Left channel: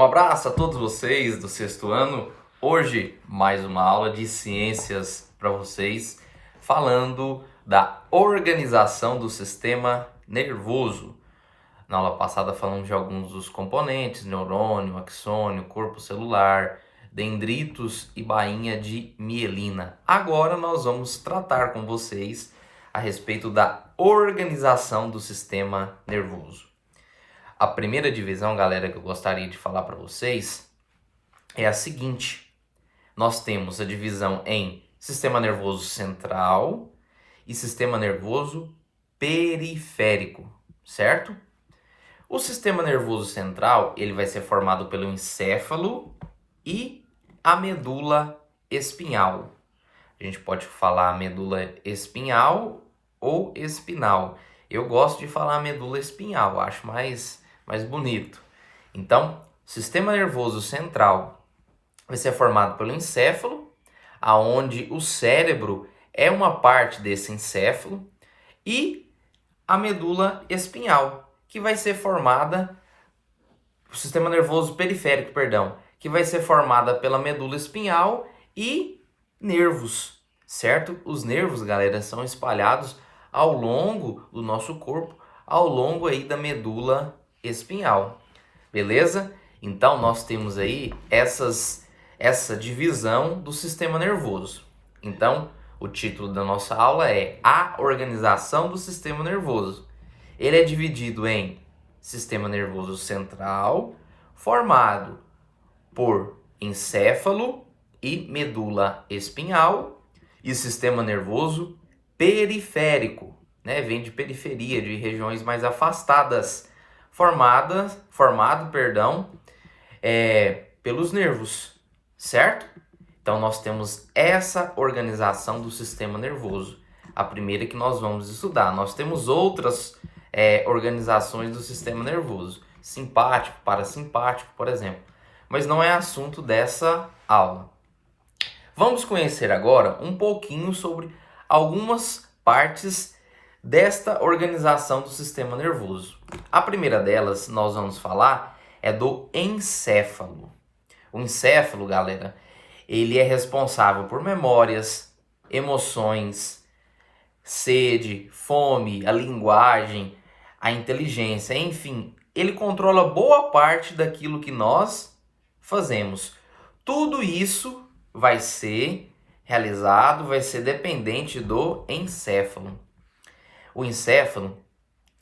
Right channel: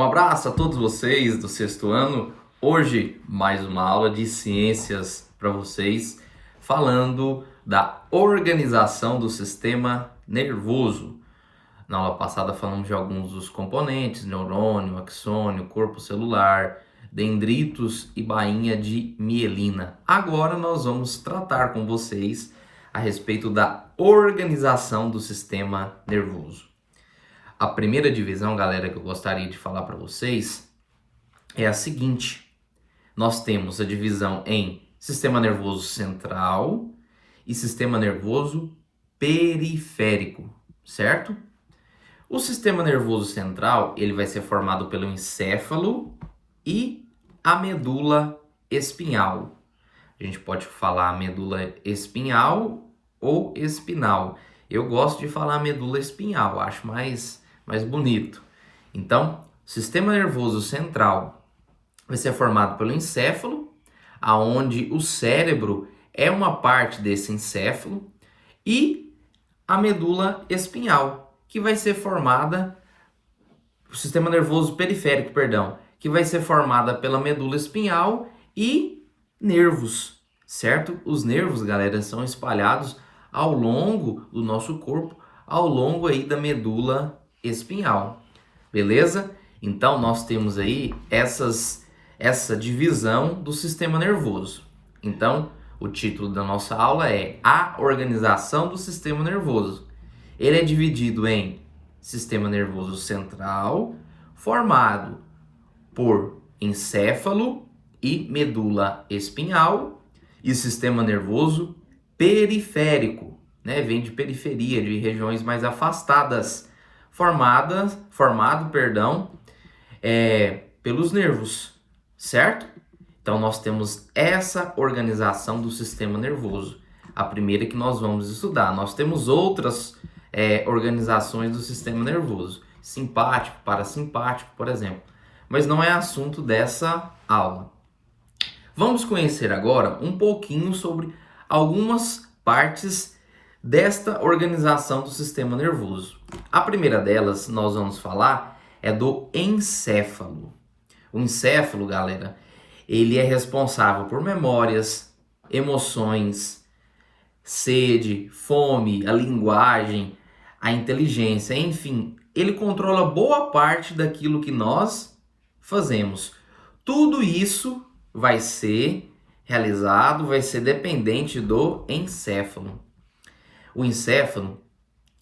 Um abraço a todos vocês do sexto ano. Hoje, mais uma aula de ciências para vocês, falando da organização do sistema nervoso. Na aula passada falamos de alguns dos componentes: neurônio, axônio, corpo celular, dendritos e bainha de mielina. Agora nós vamos tratar com vocês a respeito da organização do sistema nervoso. A primeira divisão, galera, que eu gostaria de falar para vocês é a seguinte: nós temos a divisão em sistema nervoso central e sistema nervoso periférico, certo? O sistema nervoso central, ele vai ser formado pelo encéfalo e a medula espinhal. A gente pode falar medula espinhal ou espinal. Eu gosto de falar medula espinhal, acho mais bonito. Então, o sistema nervoso central vai ser formado pelo encéfalo, aonde o cérebro é uma parte desse encéfalo, e a medula espinhal, que vai ser formada, o sistema nervoso periférico, perdão, que vai ser formada pela medula espinhal e nervos, certo? Os nervos, galera, são espalhados ao longo do nosso corpo, ao longo aí da medula espinhal, beleza? Então nós temos aí essa divisão do sistema nervoso. Então o título da nossa aula é A Organização do Sistema Nervoso. Ele é dividido em sistema nervoso central, formado por encéfalo e medula espinhal, e sistema nervoso periférico, né? Vem de periferia, de regiões mais afastadas, formado pelos nervos, certo? Então nós temos essa organização do sistema nervoso, a primeira que nós vamos estudar. Nós temos outras organizações do sistema nervoso, simpático, parasimpático, por exemplo, mas não é assunto dessa aula. Vamos conhecer agora um pouquinho sobre algumas partes desta organização do sistema nervoso. A primeira delas, nós vamos falar, é do encéfalo. O encéfalo, galera, ele é responsável por memórias, emoções, sede, fome, a linguagem, a inteligência, enfim, ele controla boa parte daquilo que nós fazemos. Tudo isso vai ser realizado, vai ser dependente do encéfalo. O encéfalo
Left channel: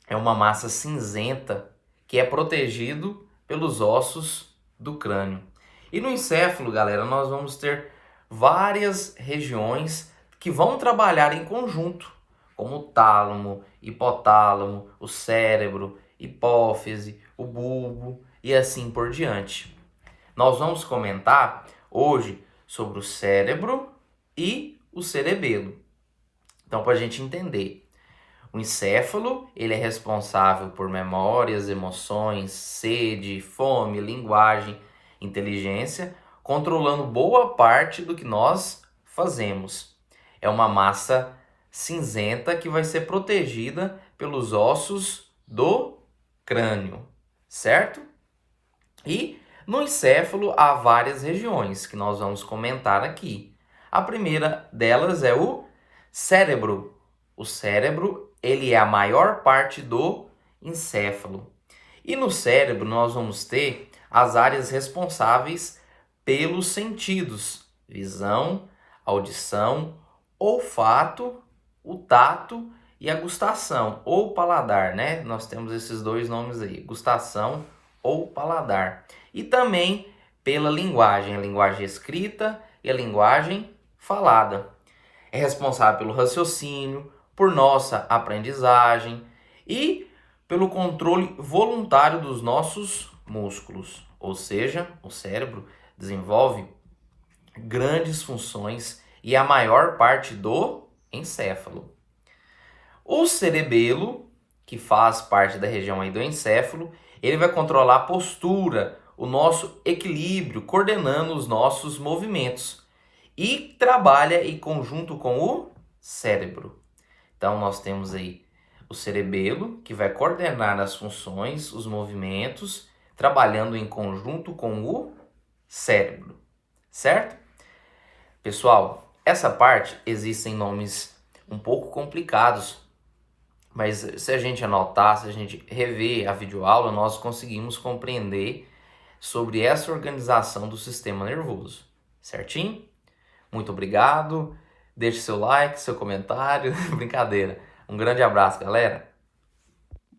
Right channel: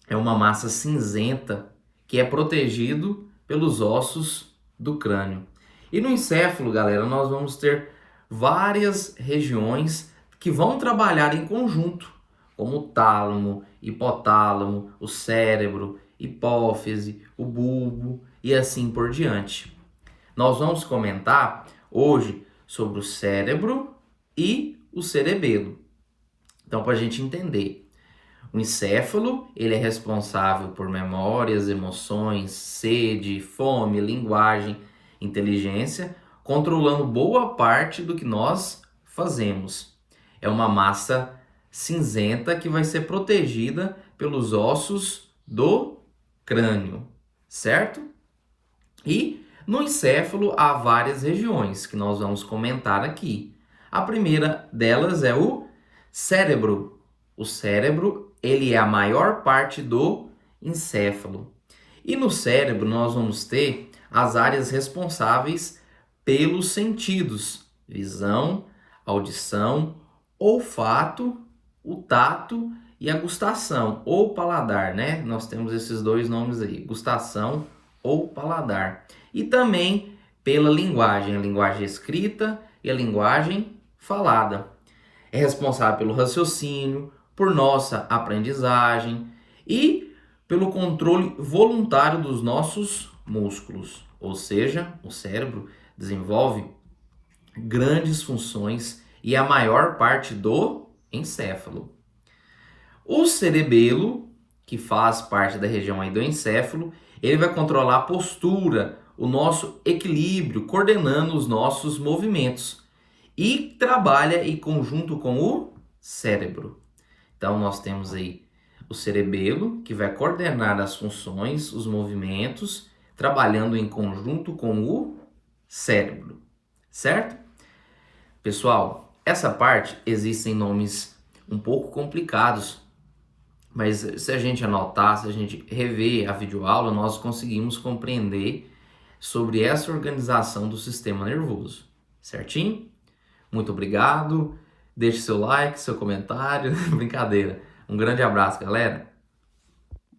é uma massa cinzenta que é protegido pelos ossos do crânio. E no encéfalo, galera, nós vamos ter várias regiões que vão trabalhar em conjunto, como o tálamo, hipotálamo, o cérebro, hipófise, o bulbo e assim por diante. Nós vamos comentar hoje sobre o cérebro e o cerebelo. Então, para a gente entender, o encéfalo, ele é responsável por memórias, emoções, sede, fome, linguagem, inteligência, controlando boa parte do que nós fazemos. É uma massa cinzenta que vai ser protegida pelos ossos do crânio, certo? E no encéfalo há várias regiões que nós vamos comentar aqui. A primeira delas é o cérebro. O cérebro, ele é a maior parte do encéfalo. E no cérebro nós vamos ter as áreas responsáveis pelos sentidos: visão, audição, olfato, o tato e a gustação ou paladar, né? Nós temos esses dois nomes aí, gustação ou paladar. E também pela linguagem, a linguagem escrita e a linguagem falada. É responsável pelo raciocínio, por nossa aprendizagem e pelo controle voluntário dos nossos músculos. Ou seja, o cérebro desenvolve grandes funções e a maior parte do encéfalo. O cerebelo, que faz parte da região aí do encéfalo, ele vai controlar a postura, o nosso equilíbrio, coordenando os nossos movimentos e trabalha em conjunto com o cérebro. Então nós temos aí o cerebelo, que vai coordenar as funções, os movimentos, trabalhando em conjunto com o cérebro, certo? Pessoal, essa parte existem nomes um pouco complicados, mas se a gente anotar, se a gente rever a videoaula, nós conseguimos compreender sobre essa organização do sistema nervoso, certinho? Muito obrigado, deixe seu like, seu comentário, brincadeira. Um grande abraço, galera!